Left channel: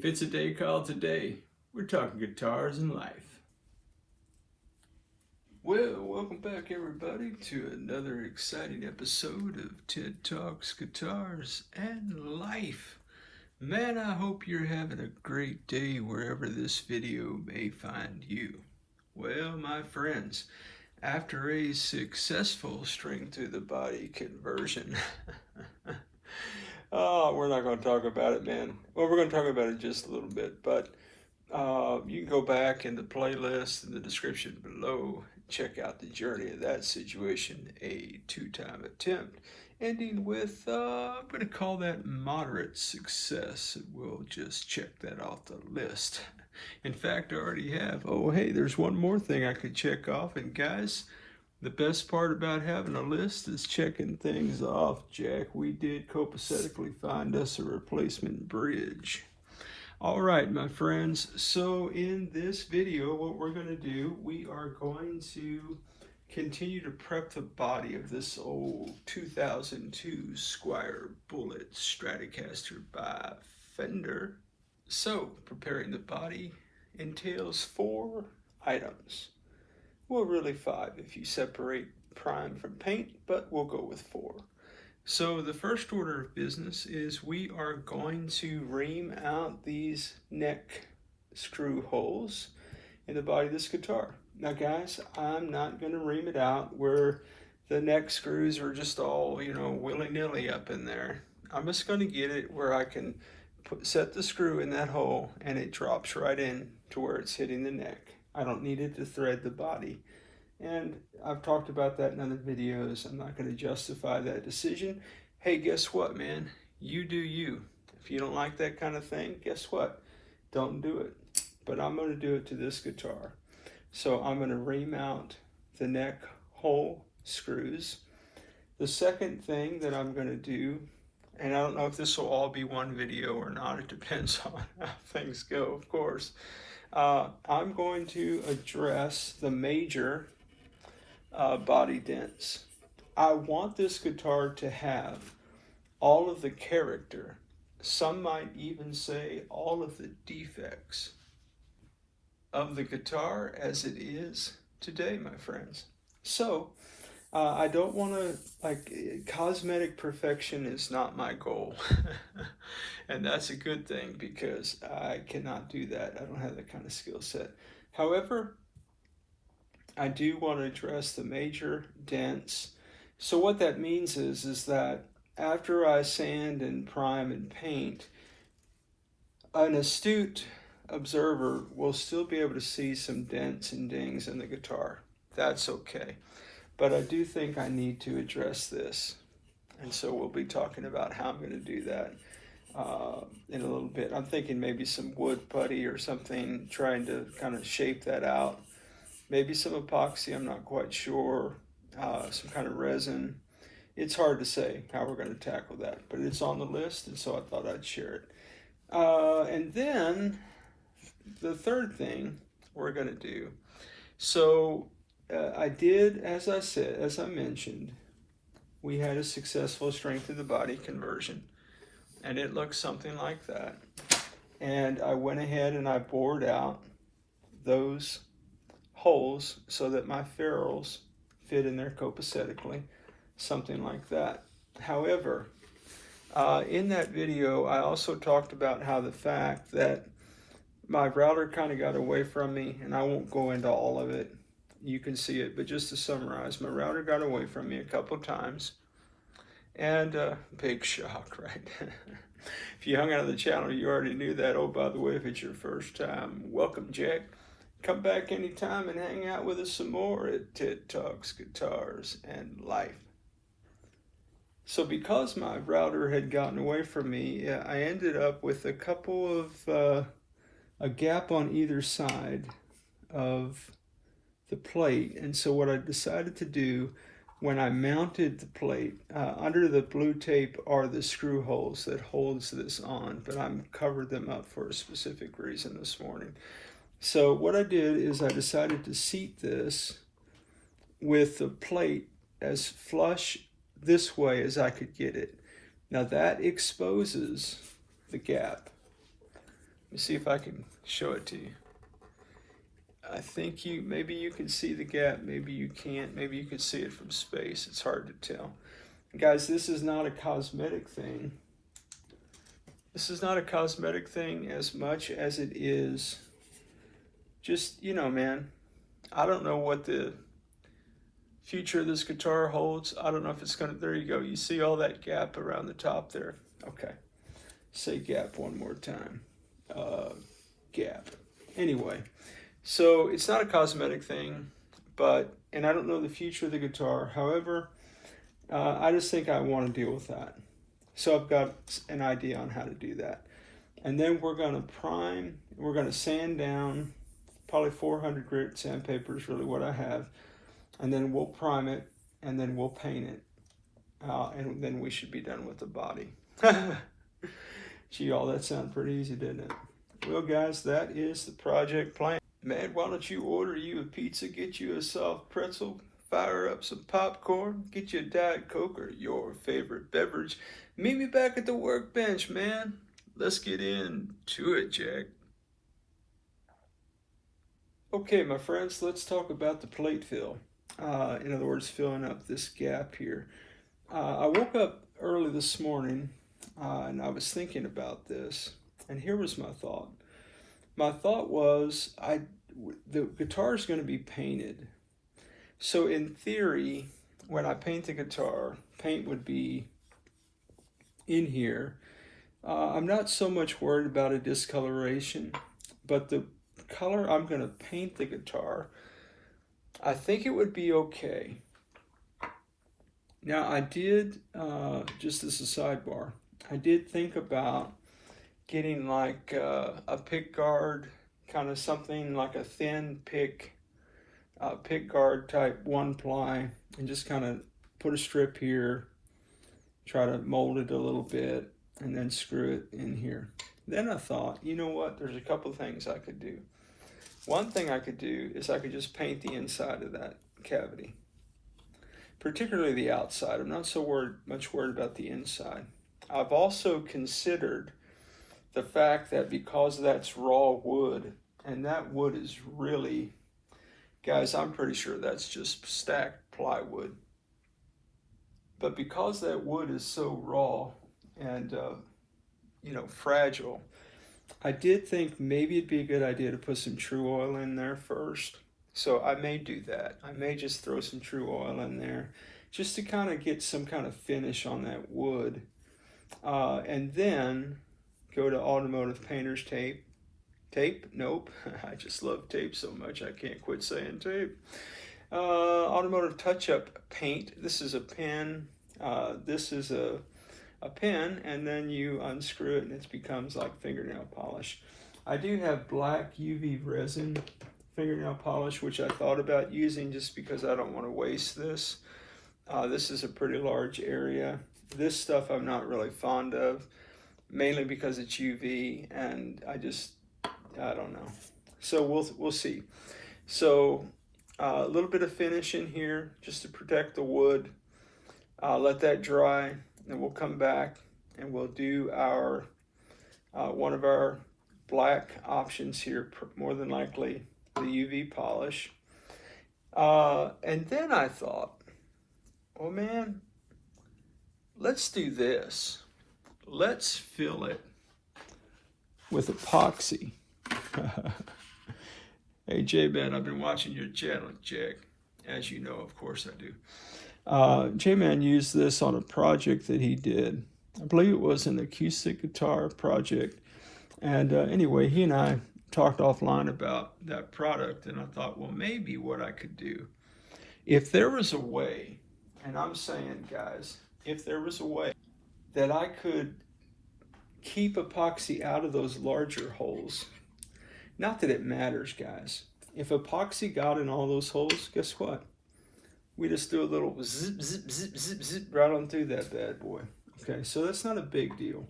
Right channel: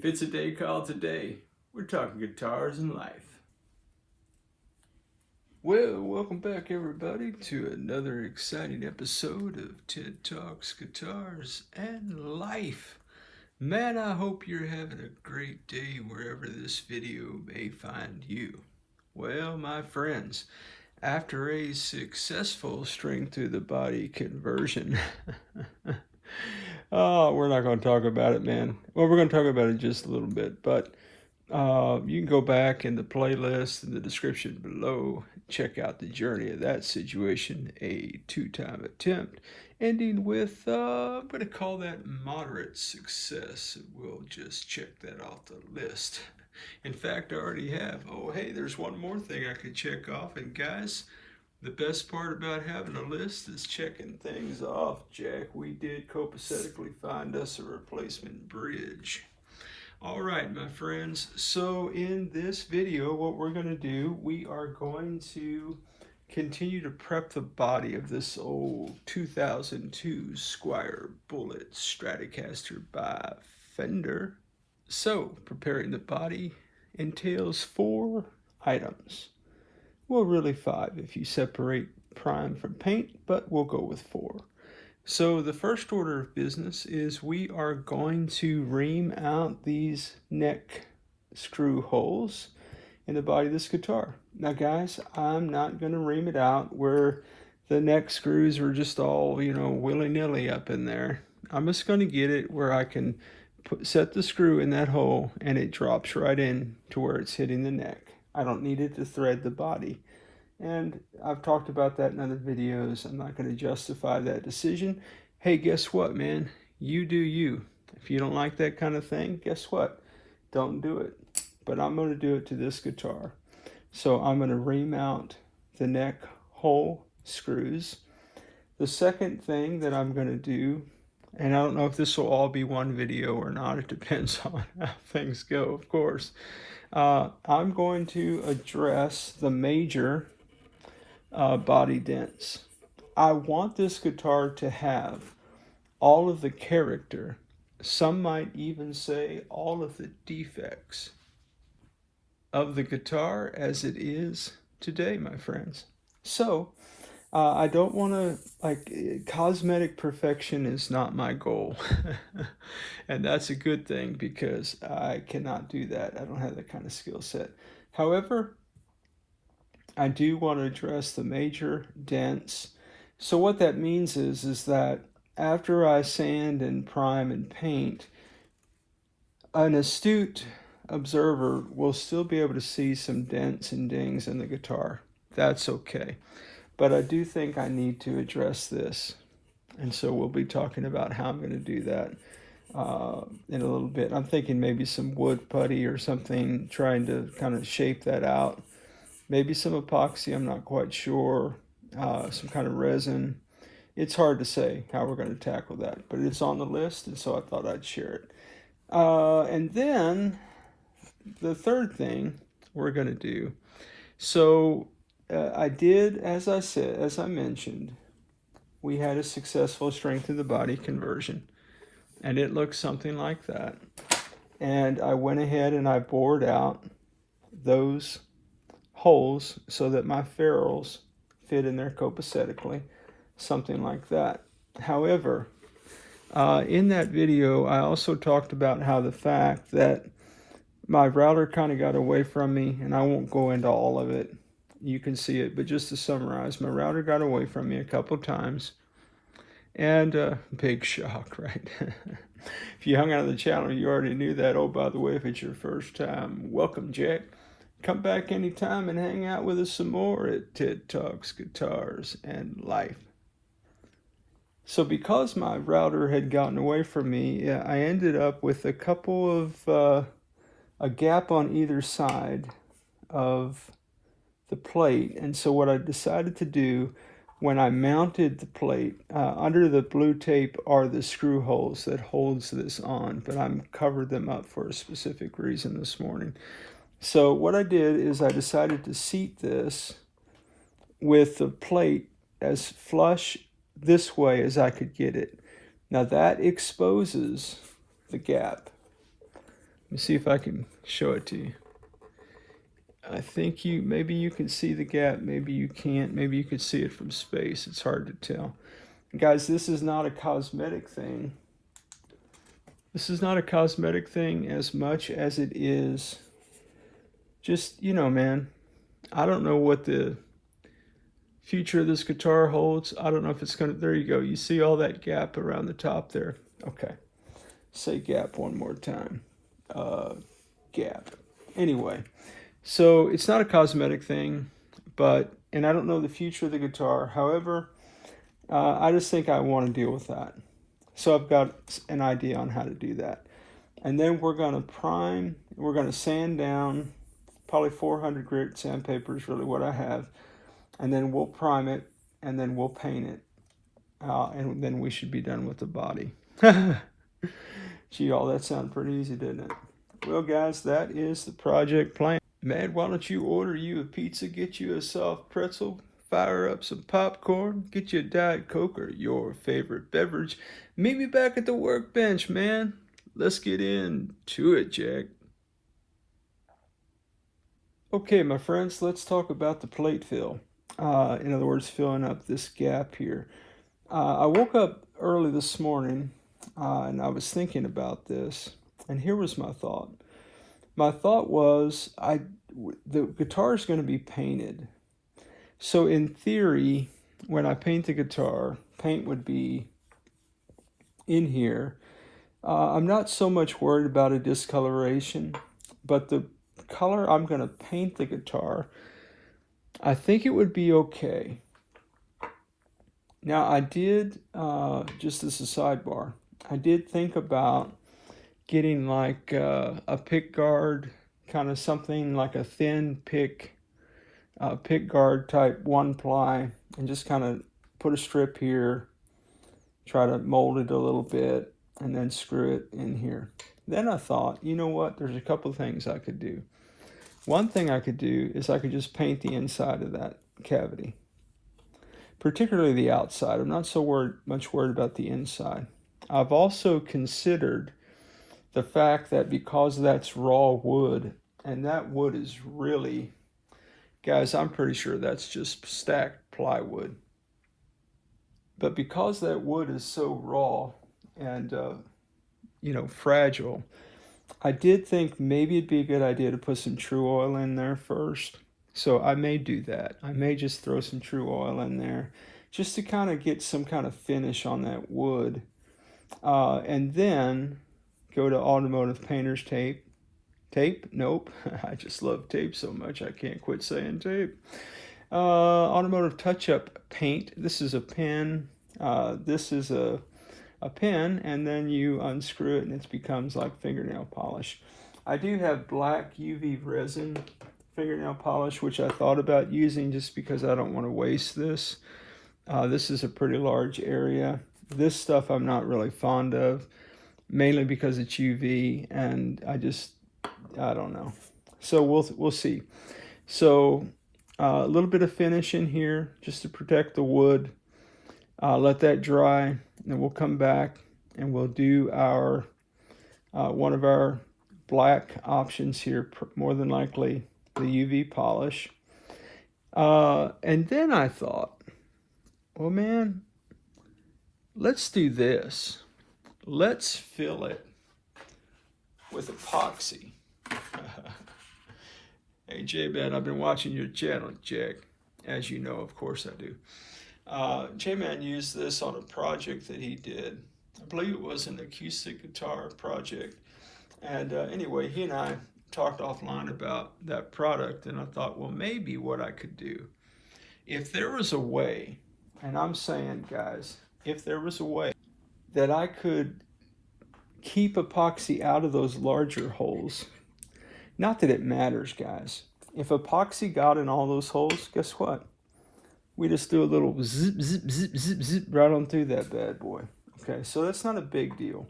If it's a day called today, we're talking guitars and life. Well, welcome back everybody to another exciting episode of TED Talks, Guitars, and Life. Man, I hope you're having a great day wherever this video may find you. Well, my friends, after a successful string through the body conversion, oh, we're not going to talk about it, man. Well, we're going to talk about it just a little bit, but you can go back in the playlist in the description below, check out the journey of that situation, a two-time attempt, ending with, I'm going to call that moderate success. We'll just check that off the list. In fact, I already have. Oh, hey, there's one more thing I could check off, and guys, the best part about having a list is checking things off. Jack, we did copacetically find us a replacement bridge. All right, my friends, so in this video, what we're going to do, we are going to continue to prep the body of this old 2002 Squier Bullet Stratocaster by Fender. So, preparing the body entails 4 items. Well, really 5 if you separate prime from paint, but we'll go with 4. So the first order of business is we are going to ream out these neck screw holes in the body of this guitar. Now guys, I'm not going to ream it out where the neck screws are just all, willy-nilly up in there. I'm just going to get it where I can set the screw in that hole and it drops right in to where it's hitting the neck. I don't need it to thread the body. And I've talked about that in other videos. I'm not going to justify that decision. Hey, guess what, man? You do you. If you don't like that kind of thing, guess what? Don't do it. But I'm going to do it to this guitar. So I'm going to ream out the neck hole screws. The second thing that I'm going to do, and I don't know if this will all be one video or not, it depends on how things go, of course. I'm going to address the major body dents. I want this guitar to have all of the character, some might even say all of the defects of the guitar as it is today, my friends. So I don't want to, cosmetic perfection is not my goal. And that's a good thing because I cannot do that. I don't have that kind of skill set. However, I do want to address the major dents. So what that means is that after I sand and prime and paint, an astute observer will still be able to see some dents and dings in the guitar. That's okay. But I do think I need to address this. And so we'll be talking about how I'm going to do that in a little bit. I'm thinking maybe some wood putty or something, trying to kind of shape that out. Maybe some epoxy, I'm not quite sure. Some kind of resin. It's hard to say how we're going to tackle that, but it's on the list, and so I thought I'd share it. And then the third thing we're going to do. So I did, as I mentioned, we had a successful strength of the body conversion, and it looks something like that. And I went ahead and I bored out those holes so that my ferrules fit in there copacetically, something like that. However, in that video, I also talked about how the fact that my router kind of got away from me, and I won't go into all of it. You can see it, but just to summarize, my router got away from me a couple times, and big shock, right? If you hung out on the channel, you already knew that. Oh, by the way, if it's your first time, welcome, Jack. Come back anytime and hang out with us some more at TED Talks, Guitars, and Life. So because my router had gotten away from me, I ended up with a couple of, a gap on either side of the plate. And so what I decided to do when I mounted the plate, under the blue tape are the screw holes that holds this on, but I'm covered them up for a specific reason this morning. So what I did is I decided to seat this with the plate as flush this way as I could get it. Now that exposes the gap. Let me see if I can show it to you. I think maybe you can see the gap, maybe you can't, maybe you could see it from space. It's hard to tell. Guys, this is not a cosmetic thing. This is not a cosmetic thing as much as it is just, you know, man, I don't know what the future of this guitar holds. I don't know if it's gonna, there you go. You see all that gap around the top there? Okay, say gap one more time. Gap. Anyway, so it's not a cosmetic thing, and I don't know the future of the guitar. However, I just think I want to deal with that. So I've got an idea on how to do that. And then we're going to prime, we're going to sand down, probably 400 grit sandpaper is really what I have. And then we'll prime it, and then we'll paint it. And then we should be done with the body. Gee, y'all, that sounded pretty easy, didn't it? Well, guys, that is the project plan. Man, why don't you order you a pizza, get you a soft pretzel, fire up some popcorn, get you a Diet Coke or your favorite beverage. Meet me back at the workbench, man. Let's get into it, Jack. Okay, my friends, let's talk about the plate fill. In other words, filling up this gap here. I woke up early this morning and I was thinking about this, and here was my thought. My thought was the guitar is going to be painted. So in theory, when I paint the guitar, paint would be in here. I'm not so much worried about a discoloration, but the color I'm going to paint the guitar, I think it would be okay. Now I did, just as a sidebar, I did think about getting like a pick guard, kind of something like a thin pick guard type 1-ply, and just kind of put a strip here, try to mold it a little bit, and then screw it in here. Then I thought, you know what, there's a couple things I could do. One thing I could do is I could just paint the inside of that cavity, particularly the outside. I'm not so much worried about the inside. I've also considered the fact that because that's raw wood, and that wood is really, guys, I'm pretty sure that's just stacked plywood. But because that wood is so raw and, you know, fragile, I did think maybe it'd be a good idea to put some True Oil in there first. So I may do that. I may just throw some True Oil in there just to kind of get some kind of finish on that wood. And then go to automotive painter's tape. Tape? Nope. I just love tape so much I can't quit saying tape. Automotive touch-up paint. This is a pen. This is a pen, and then you unscrew it and it becomes like fingernail polish. I do have black UV resin fingernail polish, which I thought about using just because I don't want to waste this. This is a pretty large area. This stuff I'm not really fond of, mainly because it's UV, and I don't know. So we'll see. So a little bit of finish in here just to protect the wood. Let that dry, and then we'll come back and we'll do our one of our black options here, more than likely the UV polish. And then I thought, well, man, let's do this. Let's fill it with epoxy. Hey, J-Man, I've been watching your channel, Jack. As you know, of course I do. J-Man used this on a project that he did. I believe it was an acoustic guitar project. And anyway, he and I talked offline about that product, and I thought, well, maybe what I could do, if there was a way, and I'm saying, guys, if there was a way that I could keep epoxy out of those larger holes, not that it matters, guys. If epoxy got in all those holes, guess what? We just do a little zip, zip, zip, zip, zip right on through that bad boy. Okay, so that's not a big deal.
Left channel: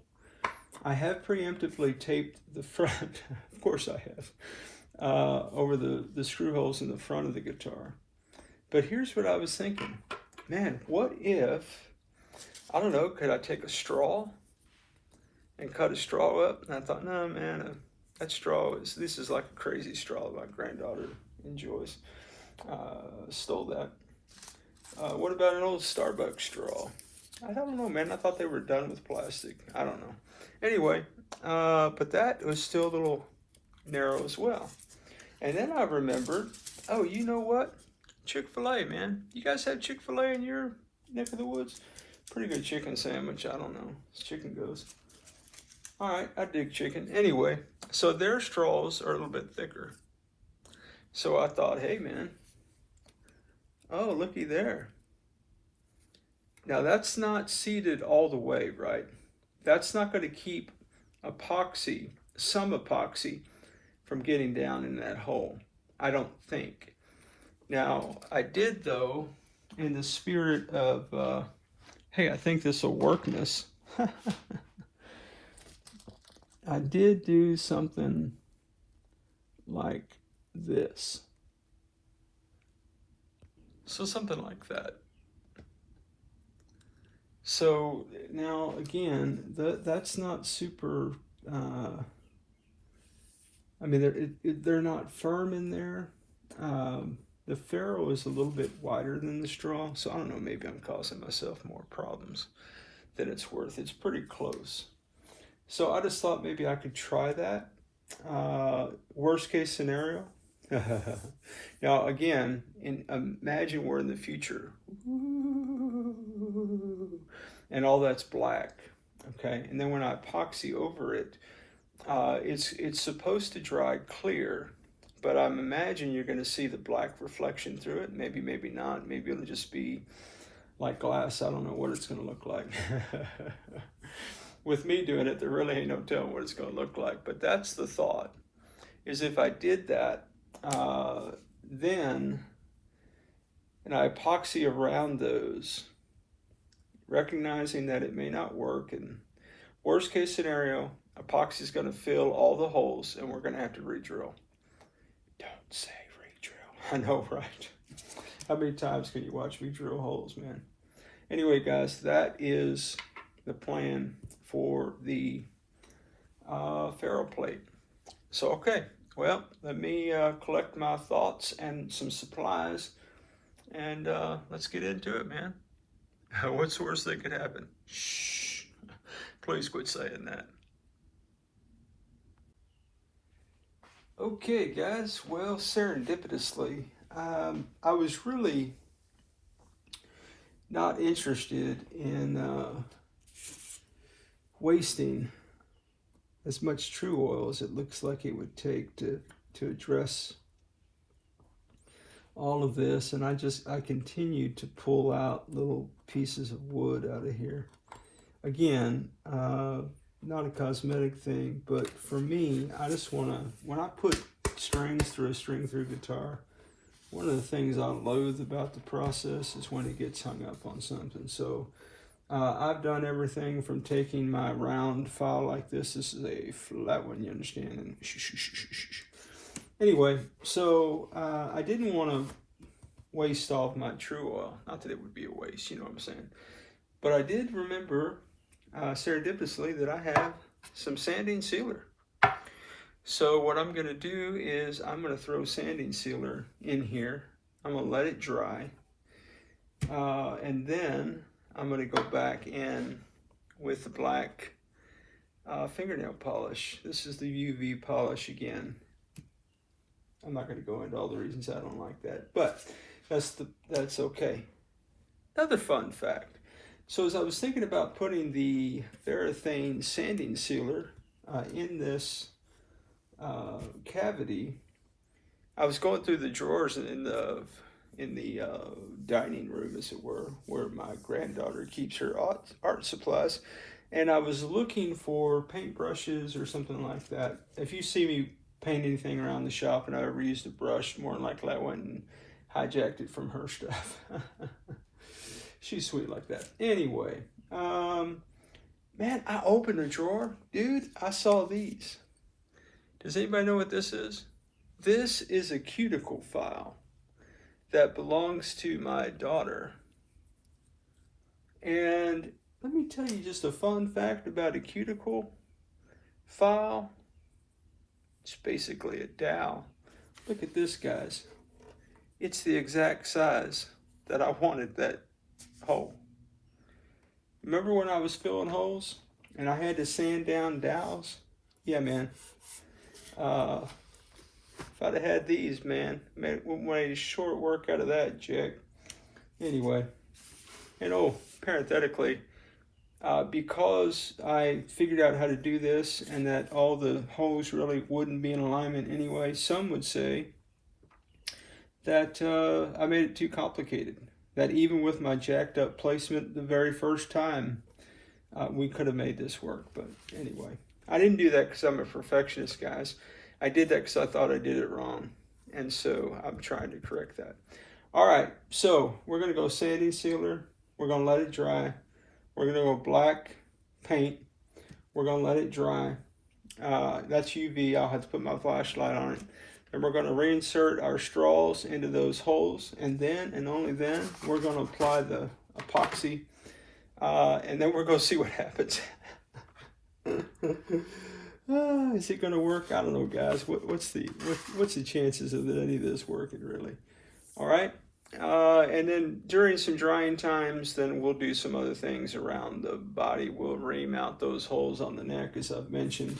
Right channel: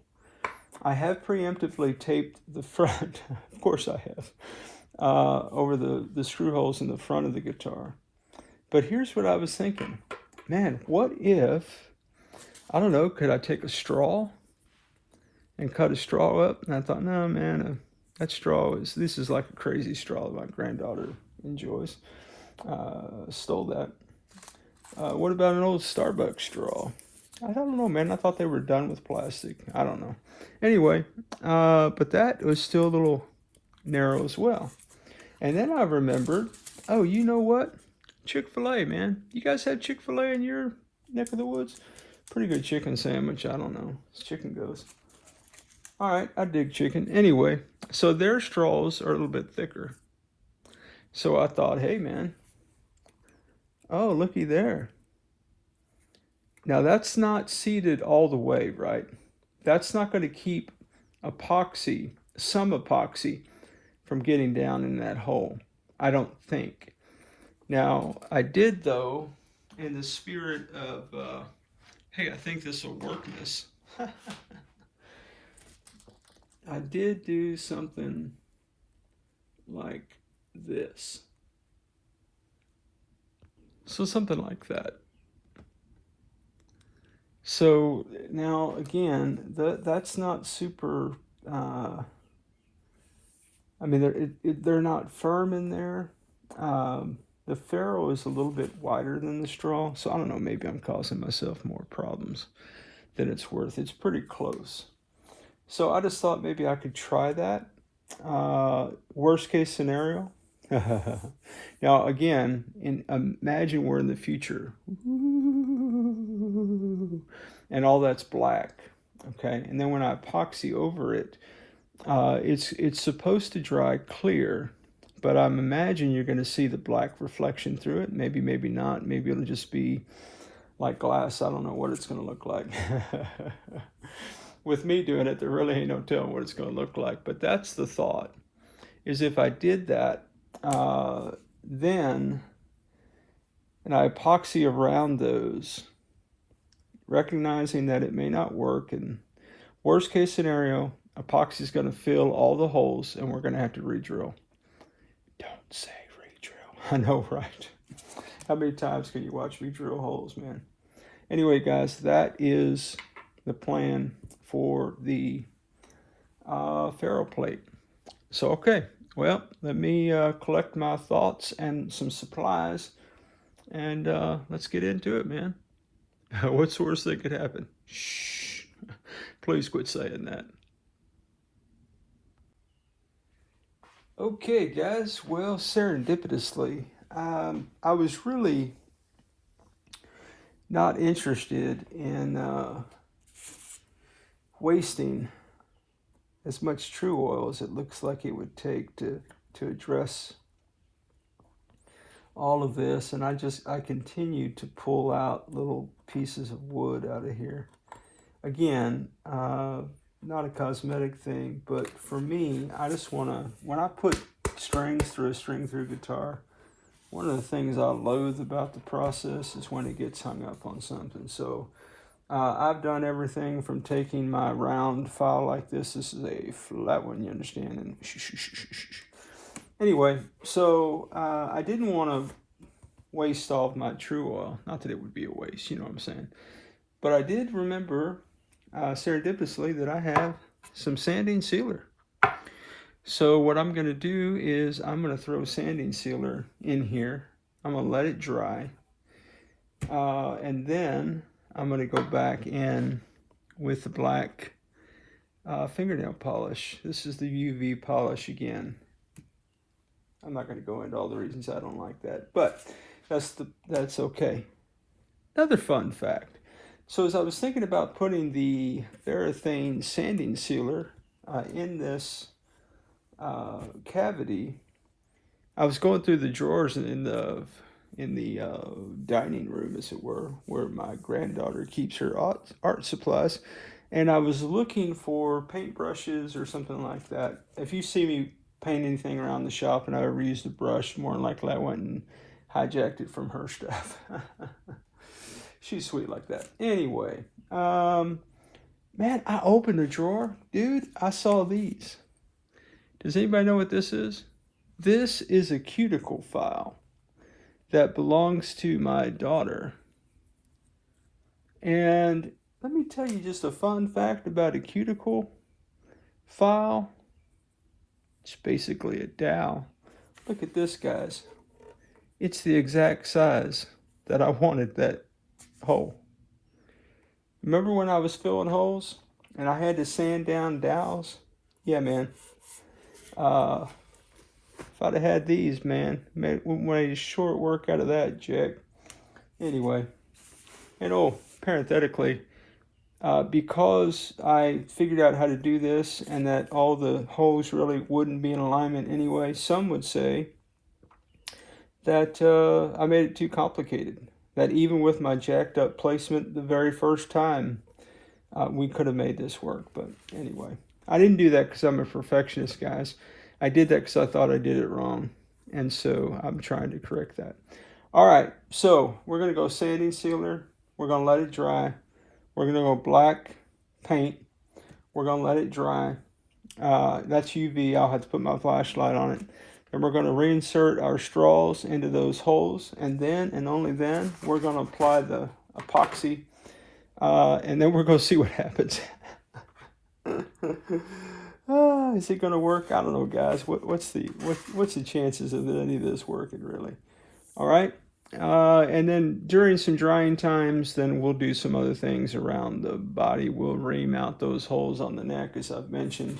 I have preemptively taped the front, of course I have, over the screw holes in the front of the guitar. But here's what I was thinking. Man, what if, I don't know, could I take a straw and cut a straw up? And I thought, no, man, That straw this is like a crazy straw my granddaughter enjoys. Stole that. What about an old Starbucks straw? I don't know, man. I thought they were done with plastic. I don't know. Anyway, but that was still a little narrow as well. And then I remembered, oh, you know what? Chick-fil-A, man. You guys had Chick-fil-A in your neck of the woods? Pretty good chicken sandwich. I don't know. As chicken goes. All right, I dig chicken. Anyway, so their straws are a little bit thicker. So I thought, hey, man. Oh, looky there. Now, that's not seated all the way, right? That's not going to keep some epoxy, from getting down in that hole, I don't think. Now, I did, though, in the spirit of, hey, I think this will workness. I did do something like this. So something like that. So now again, that's not super. I mean, they're not firm in there. The ferrule is a little bit wider than the straw, so I don't know. Maybe I'm causing myself more problems than it's worth. It's pretty close. So I just thought maybe I could try that. Worst case scenario. Now again, imagine we're in the future. And all that's black, okay? And then when I epoxy over it, it's supposed to dry clear, but I'm imagining you're going to see the black reflection through it. Maybe, maybe not. Maybe it'll just be like glass. I don't know what it's going to look like. With me doing it, there really ain't no telling what it's going to look like. But that's the thought, is if I did that, then, and I epoxy around those, recognizing that it may not work, and worst case scenario, epoxy is going to fill all the holes and we're going to have to re-drill. Don't say re-drill. I know, right? How many times can you watch me drill holes, man? Anyway, guys, that is the plan for the ferrule plate. So, okay, well, let me collect my thoughts and some supplies, and let's get into it, man. What's the worst that could happen? Shh. Please quit saying that. Okay, guys. Well, serendipitously, I was really not interested in wasting as much true oil as it looks like it would take to address all of this, and I continued to pull out little pieces of wood out of here. Again, not a cosmetic thing, but for me, I just want to, when I put strings through a string-through guitar, one of the things I loathe about the process is when it gets hung up on something. So I've done everything from taking my round file like this is a flat one, you understand, and anyway, so I didn't want to waste all of my true oil. Not that it would be a waste, you know what I'm saying. But I did remember serendipitously that I have some sanding sealer. So what I'm going to do is I'm going to throw sanding sealer in here. I'm going to let it dry. And then I'm going to go back in with the black fingernail polish. This is the UV polish again. I'm not going to go into all the reasons I don't like that, but that's okay. Another fun fact. So as I was thinking about putting the Varathane sanding sealer in this cavity, I was going through the drawers in the dining room, as it were, where my granddaughter keeps her art supplies, and I was looking for paintbrushes or something like that. If you see me paint anything around the shop and I ever used a brush, more than likely I went and hijacked it from her stuff. She's sweet like that. Anyway, man, I opened a drawer. Dude, I saw these. Does anybody know what this is? This is a cuticle file that belongs to my daughter. And let me tell you just a fun fact about a cuticle file. It's basically a dowel. Look at this, guys. It's the exact size that I wanted that hole. Remember when I was filling holes and I had to sand down dowels? Yeah, man. If I'd have had these, man, made a short work out of that, Jack. Anyway, and oh, parenthetically, because I figured out how to do this and that all the holes really wouldn't be in alignment anyway, some would say that I made it too complicated. That even with my jacked up placement the very first time, we could have made this work. But anyway, I didn't do that because I'm a perfectionist, guys. I did that because I thought I did it wrong. And so I'm trying to correct that. All right, so we're going to go sanding sealer. We're going to let it dry. We're going to go black paint. We're going to let it dry. That's UV. I'll have to put my flashlight on it. Then we're going to reinsert our straws into those holes. And then, and only then, we're going to apply the epoxy. And then we're going to see what happens. Is it going to work? I don't know, guys. What's the chances of any of this working, really? All right. And then during some drying times, then we'll do some other things around the body. We'll remount those holes on the neck, as I've mentioned,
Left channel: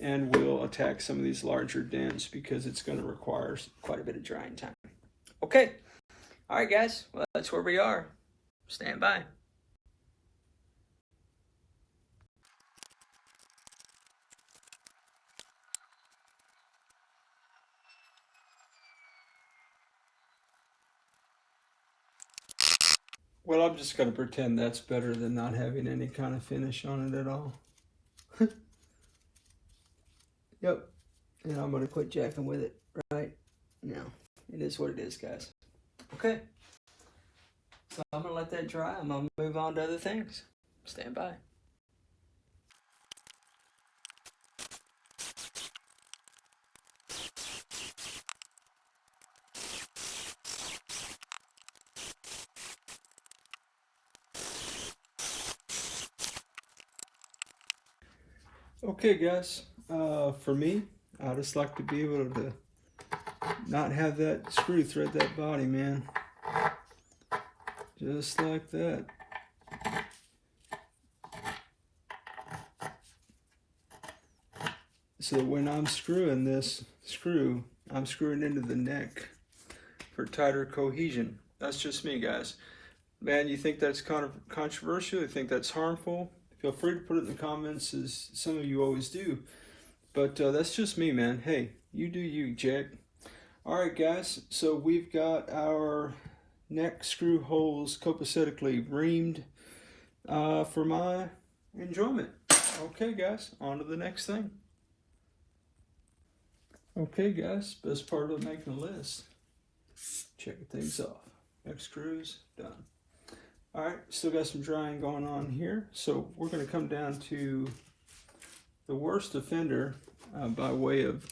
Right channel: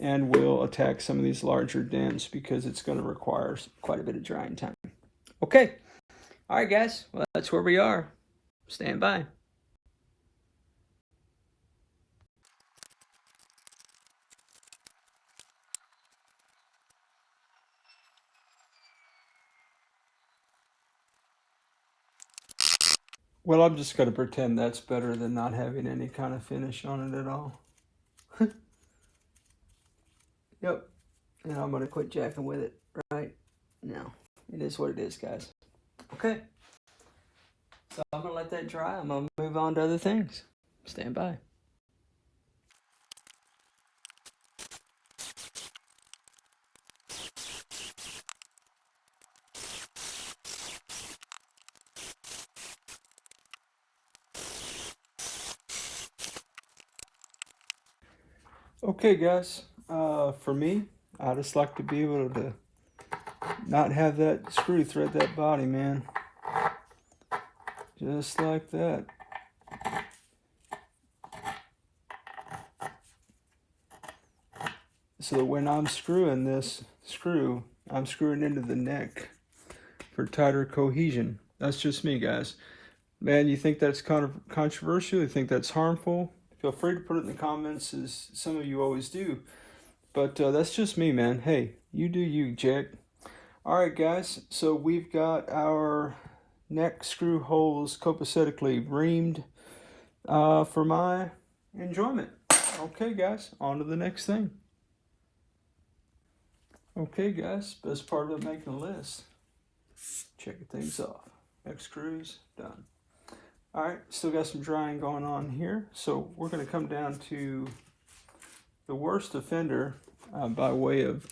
and we'll attack some of these larger dents because it's going to require quite a bit of drying time. Okay. All right, guys. Well, that's where we are. Stand by. Well, I'm just going to pretend that's better than not having any kind of finish on it at all. Yep. And I'm going to quit jacking with it right now. It is what it is, guys. Okay. So I'm going to let that dry. I'm going to move on to other things. Stand by. Okay, guys, for me, I just like to be able to not have that screw thread that body, man. Just like that. So when I'm screwing this screw, I'm screwing into the neck for tighter cohesion. That's just me, guys. Man, you think that's kind of controversial? You think that's harmful? Feel free to put it in the comments, as some of you always do. But that's just me, man. Hey, you do you, Jack. All right, guys. So we've got our neck screw holes copacetically reamed for my enjoyment. Okay, guys. On to the next thing. Okay, guys. Best part of making a list. Checking things off. Neck screws, done. All right, still got some drying going on here. So we're going to come down to the worst offender by way of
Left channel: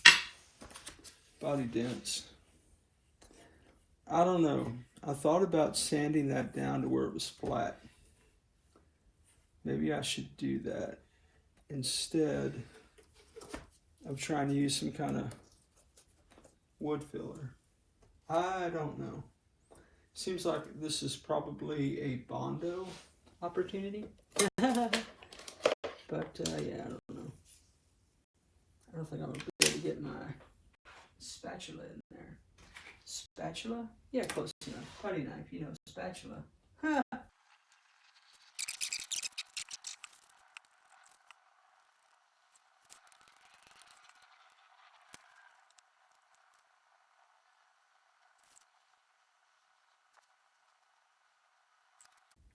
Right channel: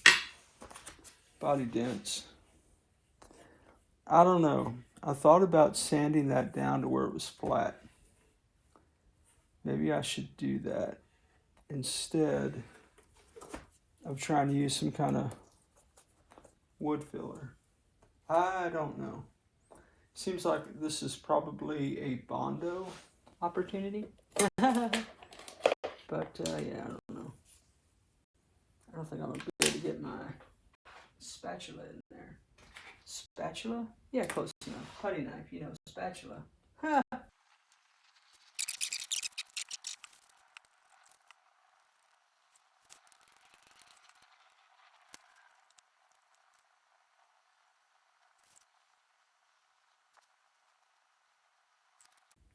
body dents. I don't know. I thought about sanding that down to where it was flat. Maybe I should do that instead of trying to use some kind of wood filler. I don't know. Seems like this is probably a Bondo opportunity. But yeah, I don't know. I don't think I'm going to be able to get my spatula in there. Spatula? Yeah, close enough. Putty knife, you know, spatula.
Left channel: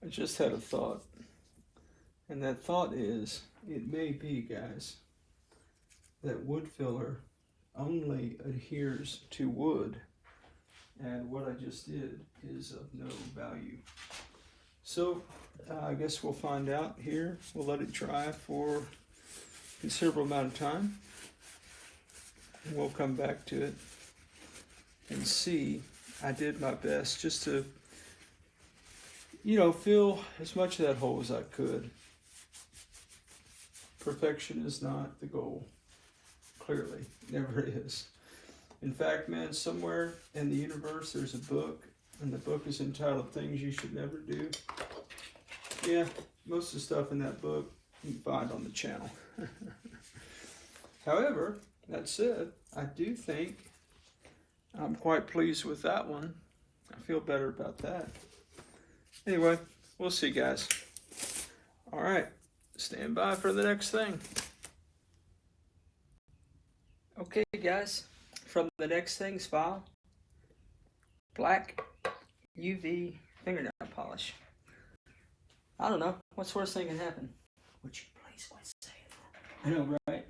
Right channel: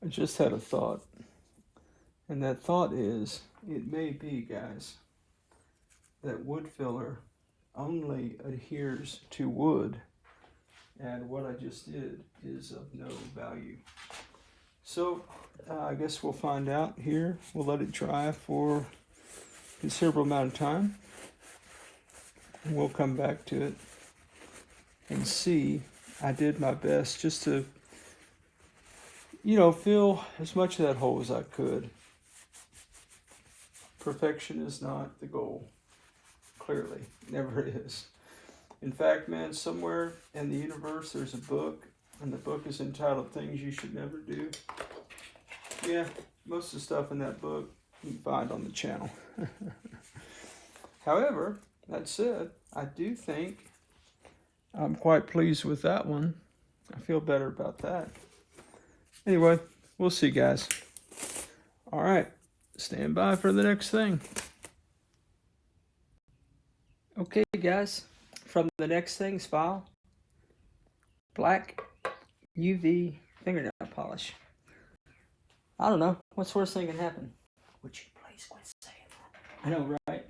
I just had a thought, and that thought is, it may be, guys, that wood filler only adheres to wood, and what I just did is of no value. So I guess we'll find out here. We'll let it dry for a considerable amount of time, and we'll come back to it and see. I did my best just to, you know, fill as much of that hole as I could. Perfection is not the goal. clearly. Never is. In fact, man, somewhere in the universe there's a book, and the book is entitled Things You Should Never Do. Yeah, most of the stuff in that book you can find on the channel. However, that said, I do think I'm quite pleased with that one. I feel better about that. Anyway, we'll see, guys. All right, stand by for the next thing. Okay, guys, from the next things file, black UV fingernail polish. I don't know, what's the worst thing can happen? Would you please quit saying that? I know, right?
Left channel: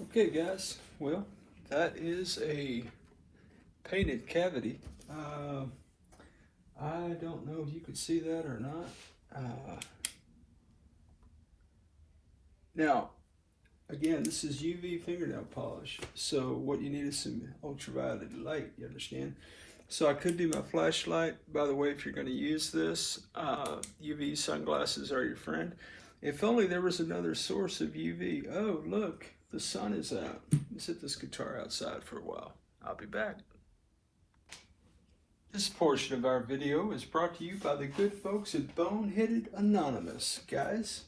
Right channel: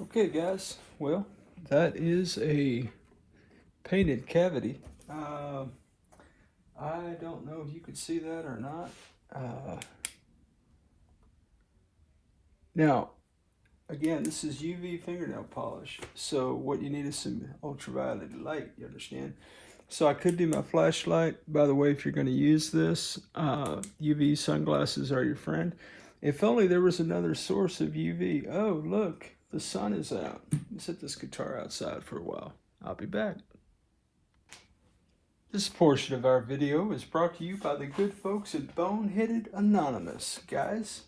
Okay, guys, well, that is a painted cavity. I don't know if you could see that or not. Now, again, this is UV fingernail polish, so what you need is some ultraviolet light, you understand? So I could do my flashlight. By the way, if you're going to use this, UV sunglasses are your friend. If only there was another source of UV. Oh, look, the sun is out. Let's set this guitar outside for a while. I'll be back. This portion of our video is brought to you by the good folks at Boneheaded Anonymous. Guys,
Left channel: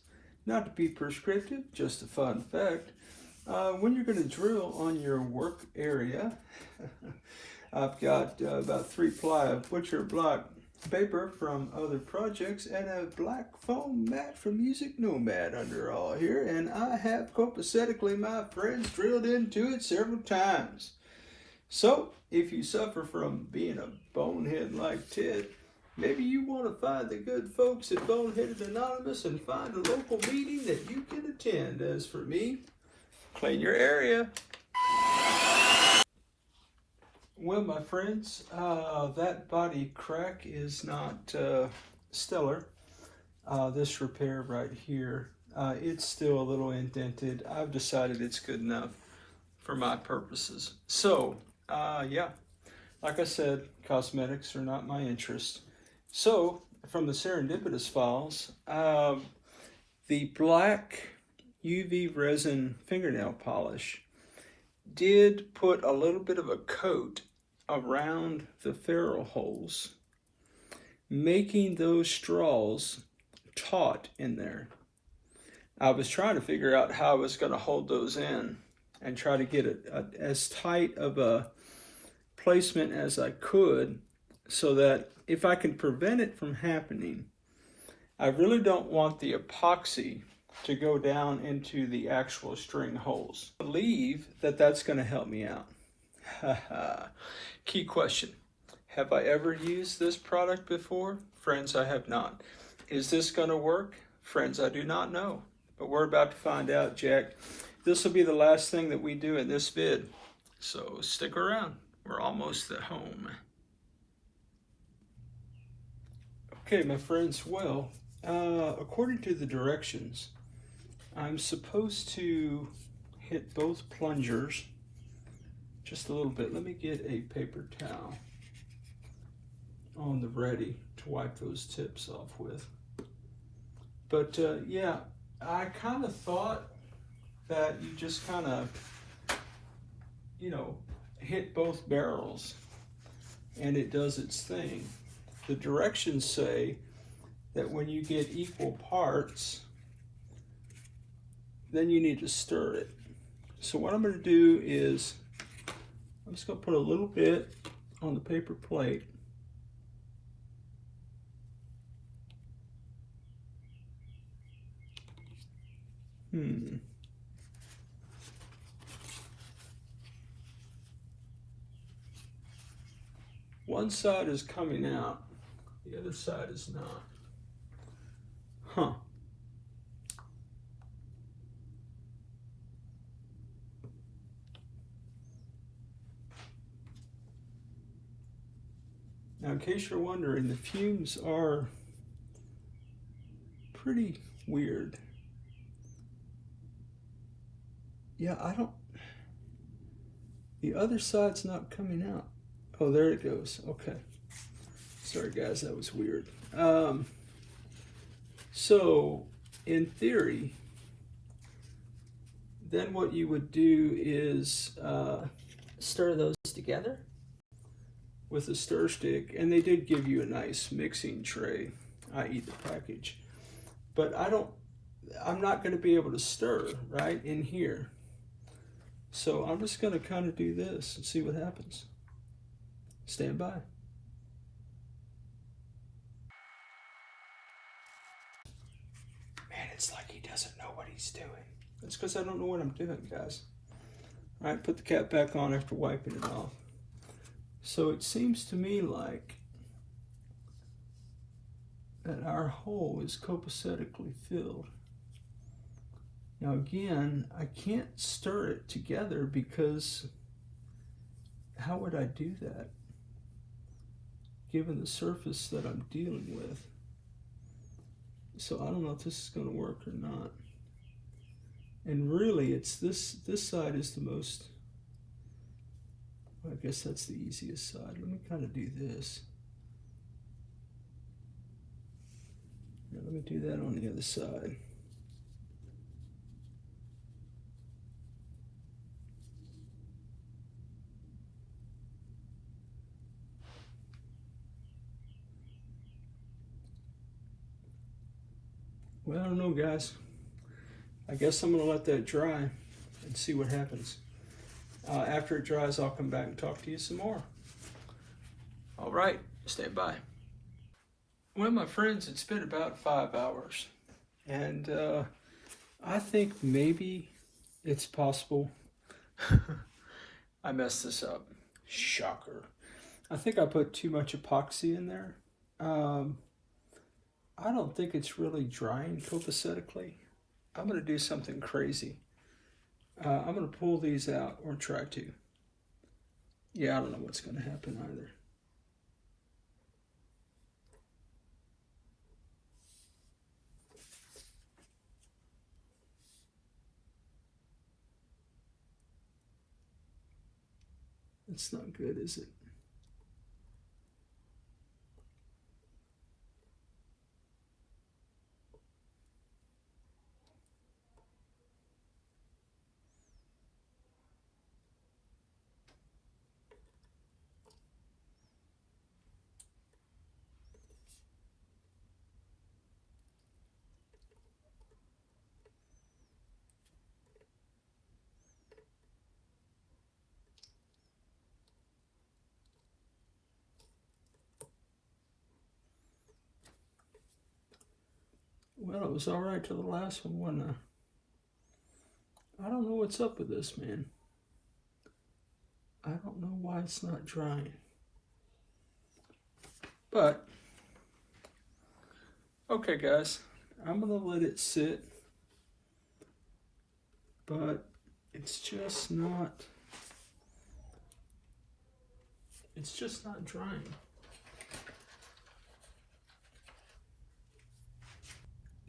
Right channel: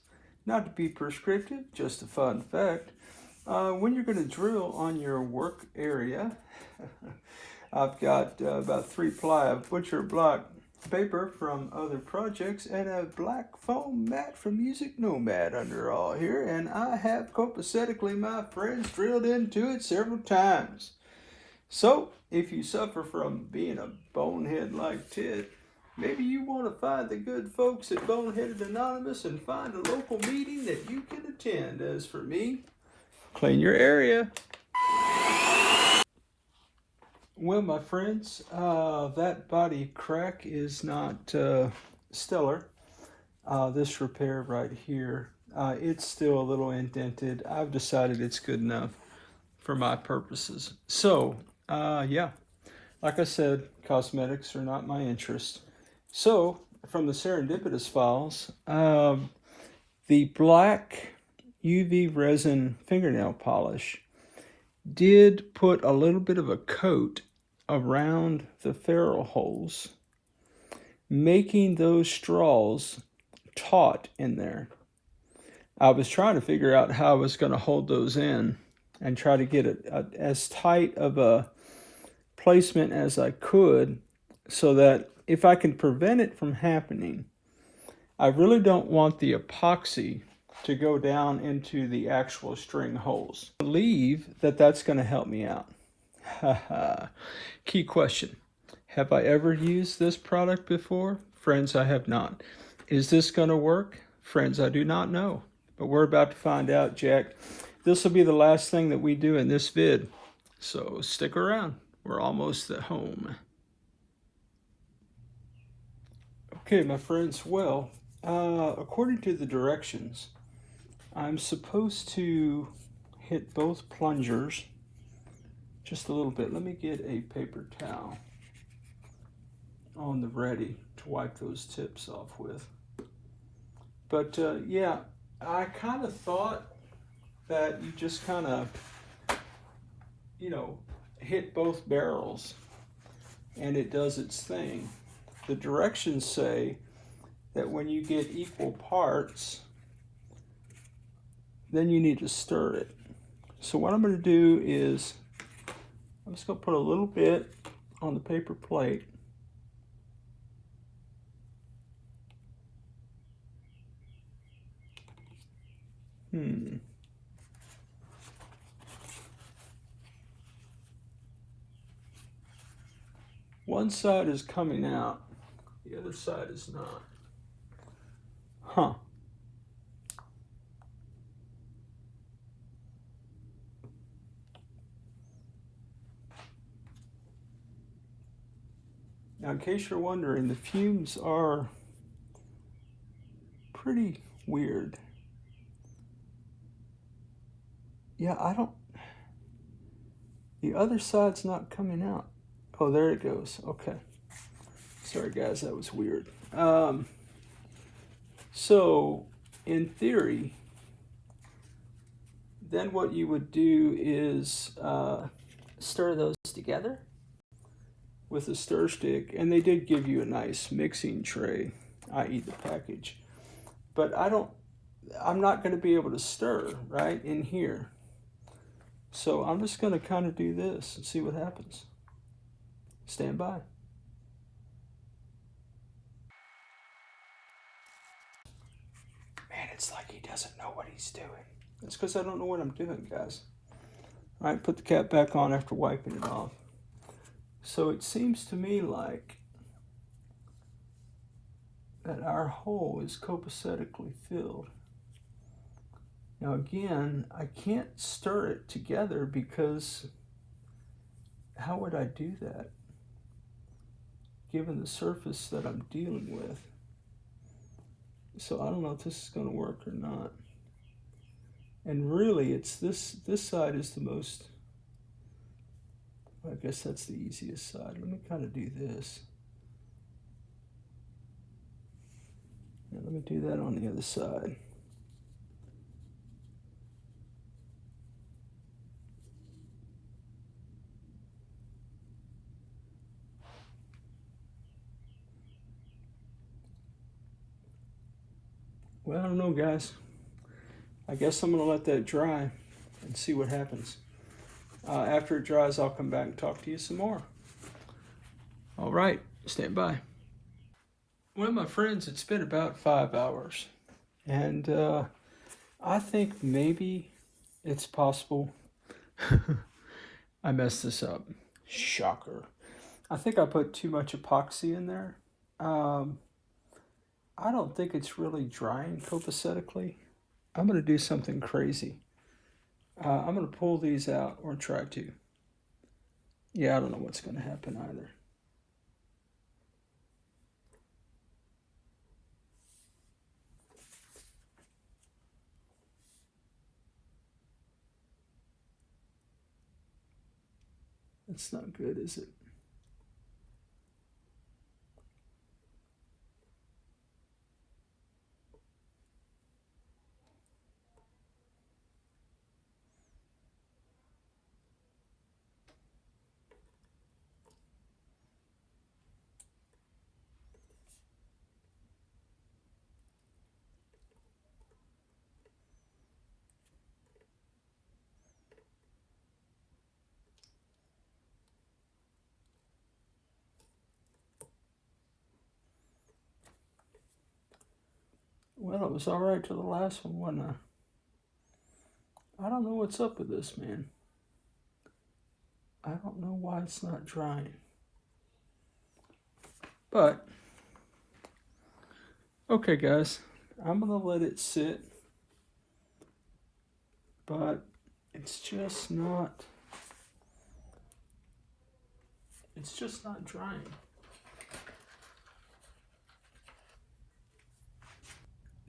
not to be prescriptive, just a fun fact. When you're going to drill on your work area, I've got about 3 ply of butcher block paper from other projects and a black foam mat from Music Nomad under all here, and I have copacetically, my friends, drilled into it several times. So, if you suffer from being a bonehead like Ted, maybe you want to find the good folks at Boneheaded Anonymous and find a local meeting that you can attend. As for me, clean your area. Well, my friends, that body crack is not stellar. This repair right here, it's still a little indented. I've decided it's good enough for my purposes. So, yeah, like I said, cosmetics are not my interest. So, from the serendipitous files, the black UV resin fingernail polish did put a little bit of a coat around the ferrule holes, making those straws taut in there. I was trying to figure out how I was going to hold those in and try to get it as tight of a placement as I could, so that if I can prevent it from happening, I really don't want the epoxy to go down into the actual string holes. I believe that that's going to help me out. Key question: have I ever used this product before? Friends, I have not. Is this going to work? Friends, I do not know, but we're about to find out, Jack. This will be the last thing that we do in this vid, so stick around. We're almost at home. Okay, my friends, well, according to the directions, I'm supposed to hit both plungers just a little bit. Let me get a paper towel on the ready to wipe those tips off with. But yeah, I kind of thought that you just kind of, you know, hit both barrels and it does its thing. The directions say that when you get equal parts, then you need to stir it. So what I'm going to do is I'm just going to put a little bit on the paper plate. One side is coming out, the other side is not. Huh. Now, in case you're wondering, the fumes are pretty weird. Yeah, I don't, The other side's not coming out. Oh, there it goes. Okay. Sorry, guys, that was weird. So, in theory, then what you would do is Stir those together. with a stir stick, and they did give you a nice mixing tray, i.e. the package. But I'm not going to be able to stir right in here. So I'm just going to kind of do this and see what happens. Stand by. Man, it's like he doesn't know what he's doing. It's because I don't know what I'm doing, guys. All right, put the cap back on after wiping it off. So it seems to me like that our hole is copacetically filled. Now again, I can't stir it together because how would I do that given the surface that I'm dealing with? So I don't know if this is going to work or not. And really, it's this side is the most, I guess that's the easiest side. Let me kind of do this. Now, let me do that on the other side. Well, I don't know, guys. I guess I'm going to let that dry and see what happens. After it dries, I'll come back and talk to you some more. All right, stand by. Well, my friends, it's been about 5 hours. And I think maybe it's possible. I messed this up. Shocker. I think I put too much epoxy in there. I don't think it's really drying copacetically. I'm going to do something crazy. I'm going to pull these out, or try to. Yeah, I don't know what's going to happen either. It's not good, is it? Well, it was all right till the last one, wasn't it? I don't know what's up with this, man. I don't know why it's not drying. But, okay, guys, I'm going to let it sit. But it's just not drying.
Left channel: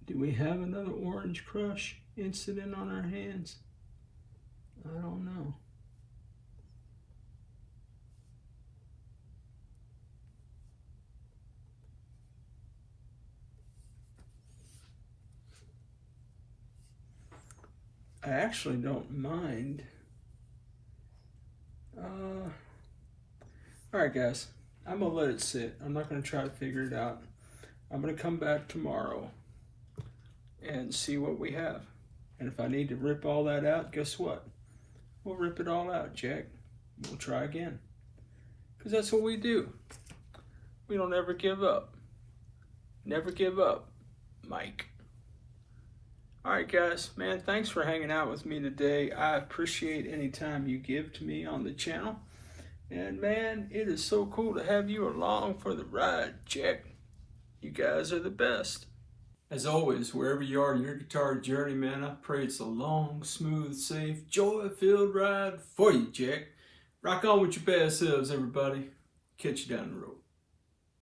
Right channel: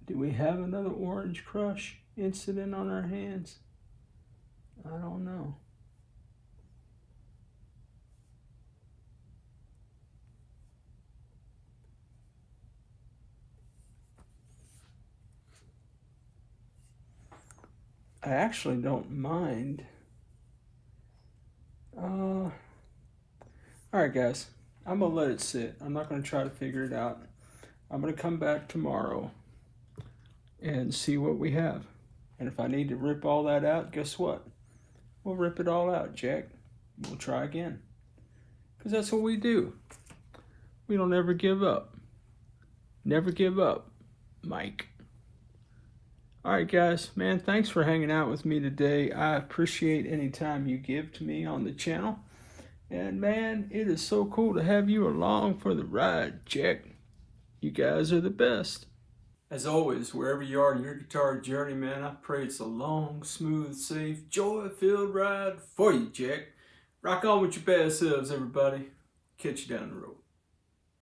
Do we have another orange crush incident on our hands? I don't know. I actually don't mind. All right, guys, I'm gonna let it sit. I'm not gonna try to figure it out. I'm gonna come back tomorrow and see what we have. And if I need to rip all that out, guess what? We'll rip it all out, Jack. We'll try again. Because that's what we do. We don't ever give up. Never give up, Mike. All right, guys, man, thanks for hanging out with me today. I appreciate any time you give to me on the channel. And, man, it is so cool to have you along for the ride, Jack. You guys are the best. As always, wherever you are in your guitar journey, man, I pray it's a long, smooth, safe, joy-filled ride for you, Jack. Rock on with your best selves, everybody. Catch you down the road.